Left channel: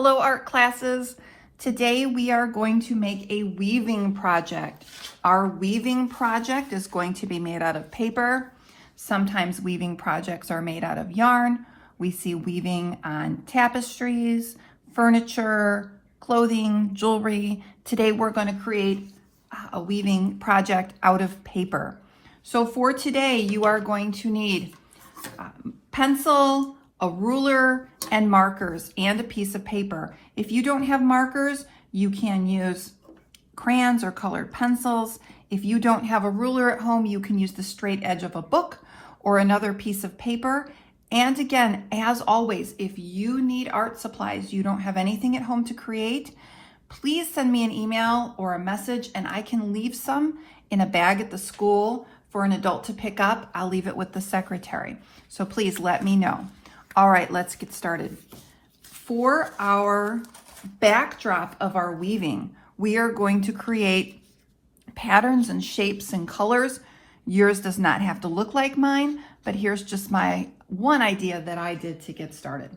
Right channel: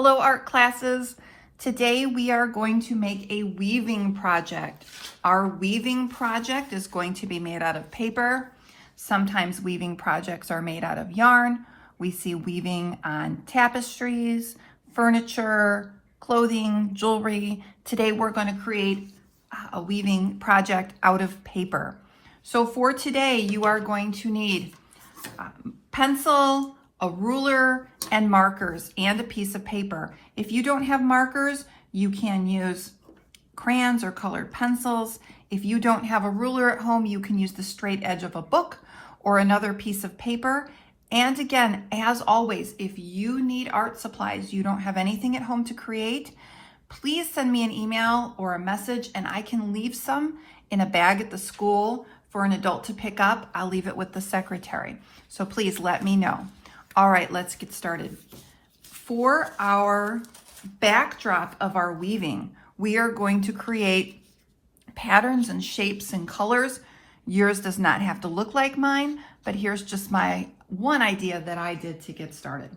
Hello art classes. Today we are going to make a weaving project. Our weaving project is going to be made out of paper. Sometimes weaving projects are made out of yarn. We see weaving on tapestries, furniture, clothing, jewelry. Today we're going to create a weaving project out of paper. So for today you are going to need pencil, a ruler, and markers, and a piece of paper. If you don't have markers, you can use crayons or colored pencils. If you don't have a ruler at home, you can use the straight edge of a book or another piece of paper. And again, as always, if you need art supplies, you don't have anything at home to create, please send me an email or a message and I can leave some in a bag at the school for an adult to pick up. I'll leave it with the secretary. So please let me know. All right, let's get started. For our backdrop of our weaving, we are going to create patterns and shapes and colors. Yours does not have to look like mine, but here's just my one idea that I did to get started.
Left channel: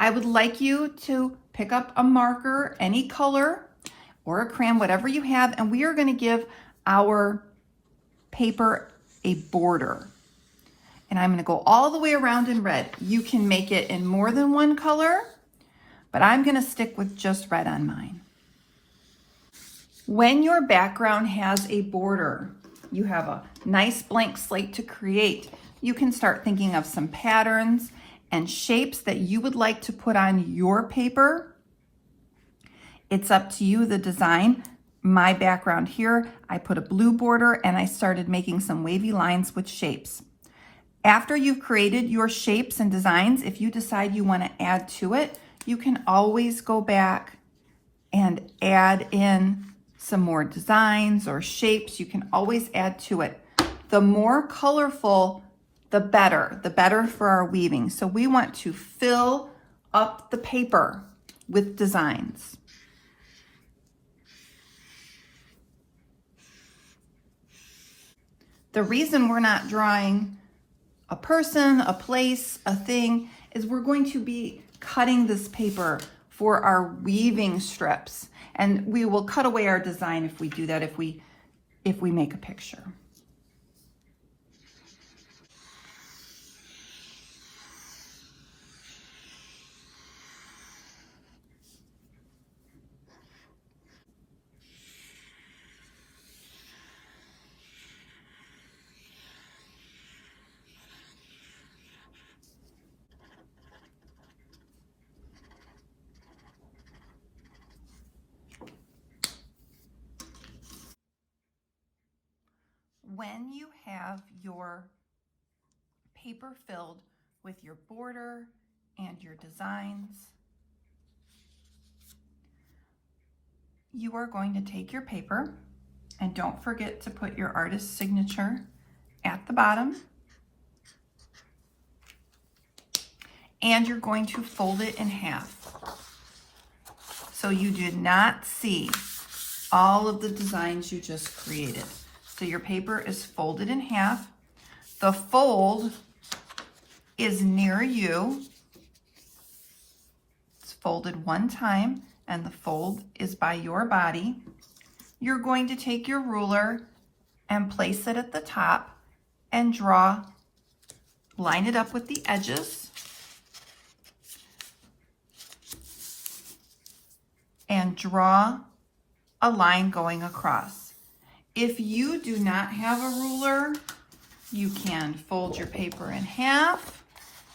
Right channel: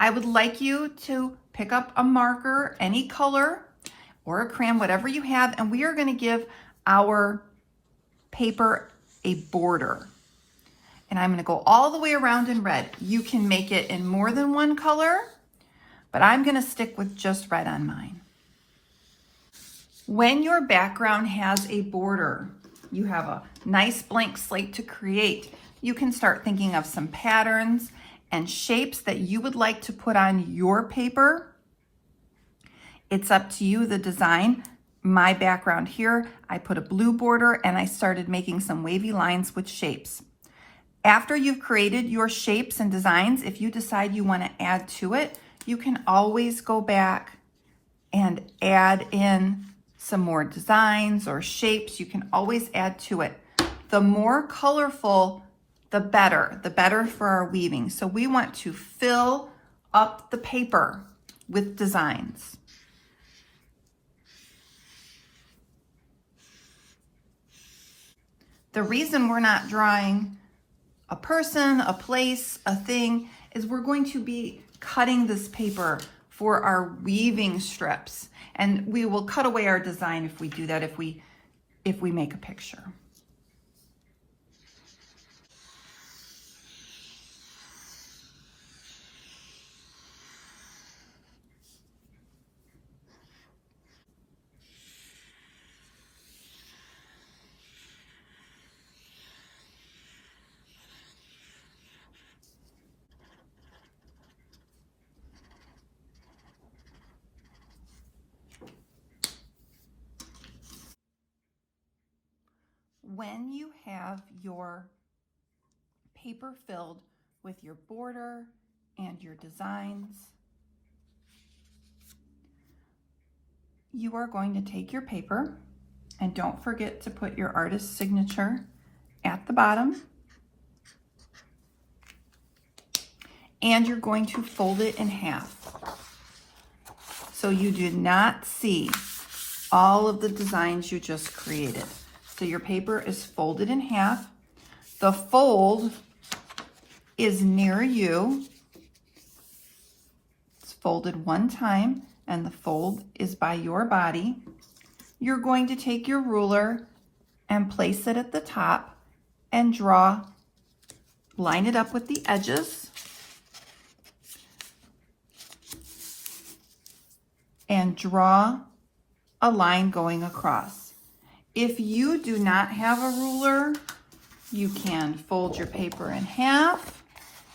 I would like you to pick up a marker, any color, or a crayon, whatever you have, and we are going to give our paper a border. And I'm going to go all the way around in red. You can make it in more than one color, but I'm going to stick with just red on mine. When your background has a border, you have a nice blank slate to create. You can start thinking of some patterns and shapes that you would like to put on your paper. It's up to you, the design. My background here, I put a blue border and I started making some wavy lines with shapes. After you've created your shapes and designs, if you decide you want to add to it, you can always go back and add in some more designs or shapes. You can always add to it. The more colorful, the better for our weaving. So we want to fill up the paper with designs. The reason we're not drawing a person, a place, a thing, is we're going to be cutting this paper for our weaving strips. And we will cut away our design if we do that, if we make a picture. When you have your paper filled with your border and your designs, you are going to take your paper, and don't forget to put your artist's signature at the bottom, and you're going to fold it in half so you do not see all of the designs you just created. So your paper is folded in half. The fold is near you. It's folded one time, and the fold is by your body. You're going to take your ruler and place it at the top and line it up with the edges. And draw a line going across. If you do not have a ruler, you can fold your paper in half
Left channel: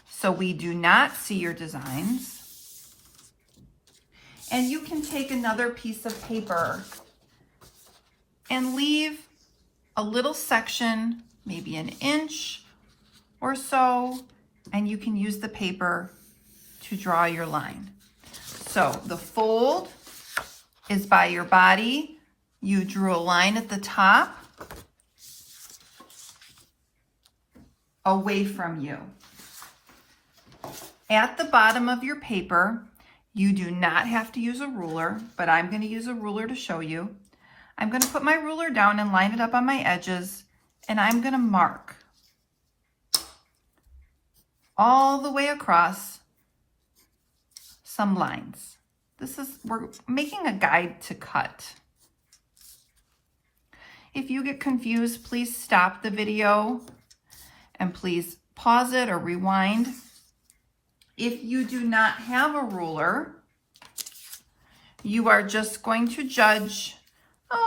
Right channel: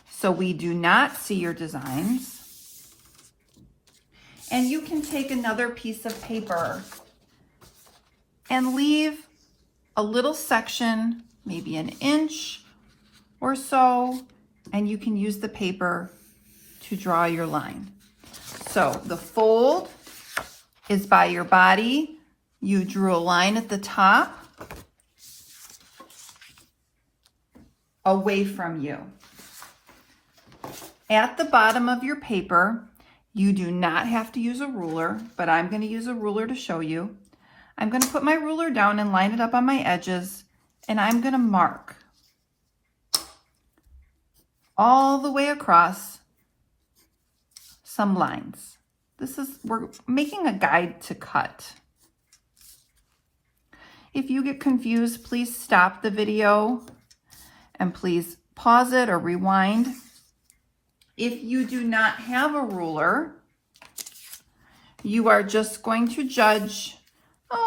so we do not see your designs. And you can take another piece of paper and leave a little section, maybe an inch or so, and you can use the paper to draw your line. So the fold is by your body. You drew a line at the top away from you. At the bottom of your paper, you do not have to use a ruler, but I'm going to use a ruler to show you. I'm going to put my ruler down and line it up on my edges, and I'm going to mark all the way across some lines. We're making a guide to cut. If you get confused, please stop the video and please pause it or rewind. If you do not have a ruler, you are just going to judge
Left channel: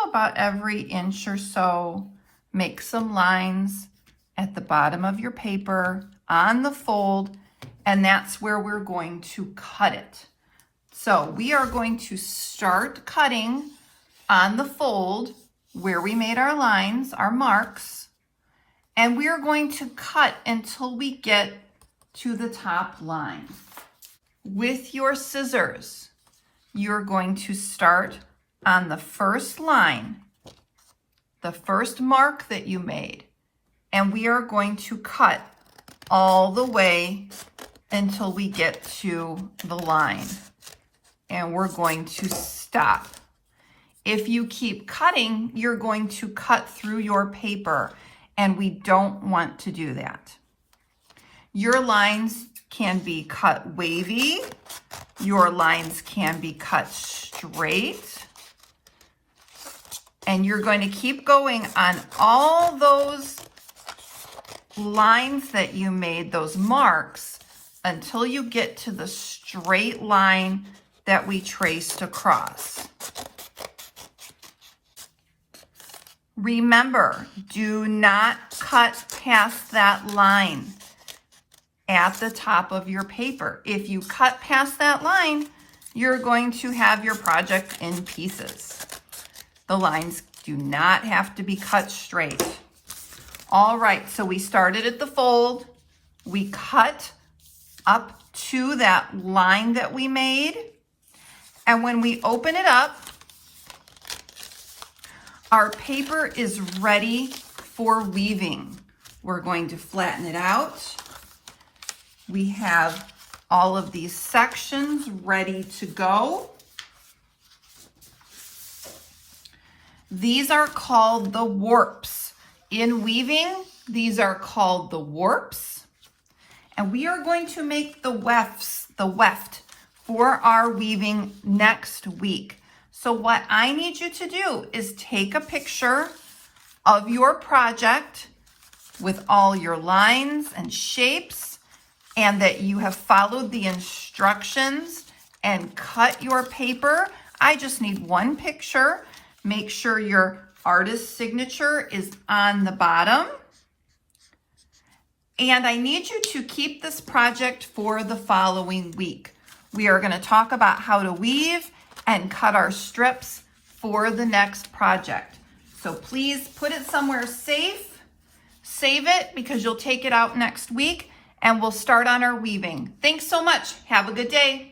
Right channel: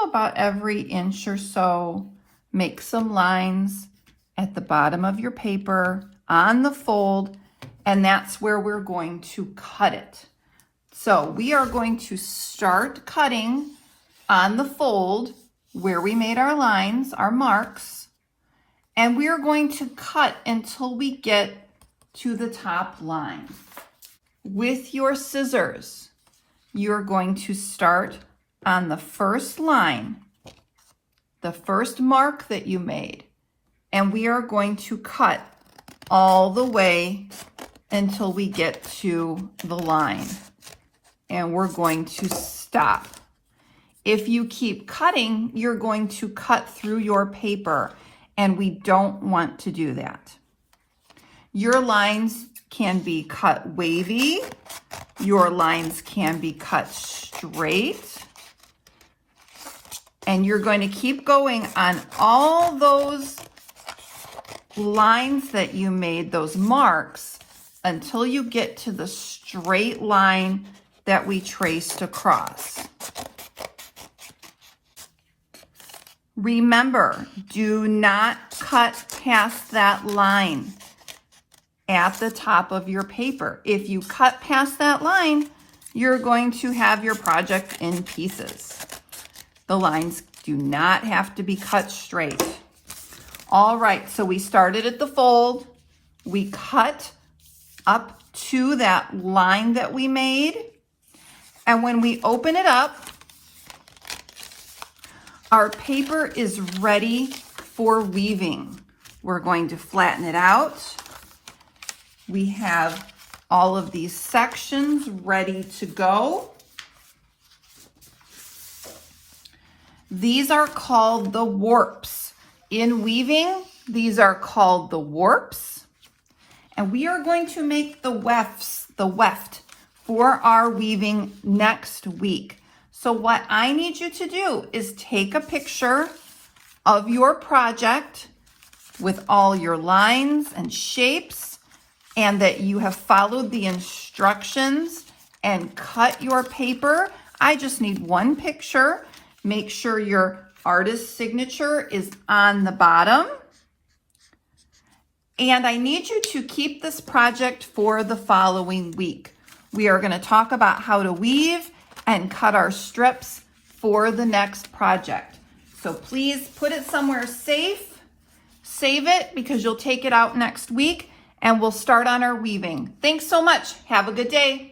about every inch or so. Make some lines at the bottom of your paper on the fold, and that's where we're going to cut it. So we are going to start cutting on the fold where we made our lines, our marks, and we are going to cut until we get to the top line. With your scissors, you're going to start on the first line, the first mark that you made, and we are going to cut all the way until we get to the line, and we're going to stop. If you keep cutting, you're going to cut through your paper, and we don't want to do that. Your lines can be cut wavy. Your lines can be cut straight. And you're going to keep going on all those lines that you made, those marks, until you get to the straight line that we traced across. Remember, do not cut past that line at the top of your paper. If you cut past that line, you're going to have your project in pieces. The lines do not have to be cut straight. All right, so we started at the fold. We cut up to that line that we made. And when we open it up, our paper is ready for weaving. We're going to flatten it out. We have all of these sections ready to go. These are called the warps. In weaving, these are called the warps. And we are going to make the weft for our weaving next week. So what I need you to do is take a picture of your project with all your lines and shapes, and that you have followed the instructions and cut your paper. I just need one picture. Make sure your artist's signature is on the bottom. And I need you to keep this project for the following week. We are going to talk about how to weave and cut our strips for the next project. So please put it somewhere safe. Save it because you'll take it out next week and we'll start on our weaving. Thanks so much. Have a good day.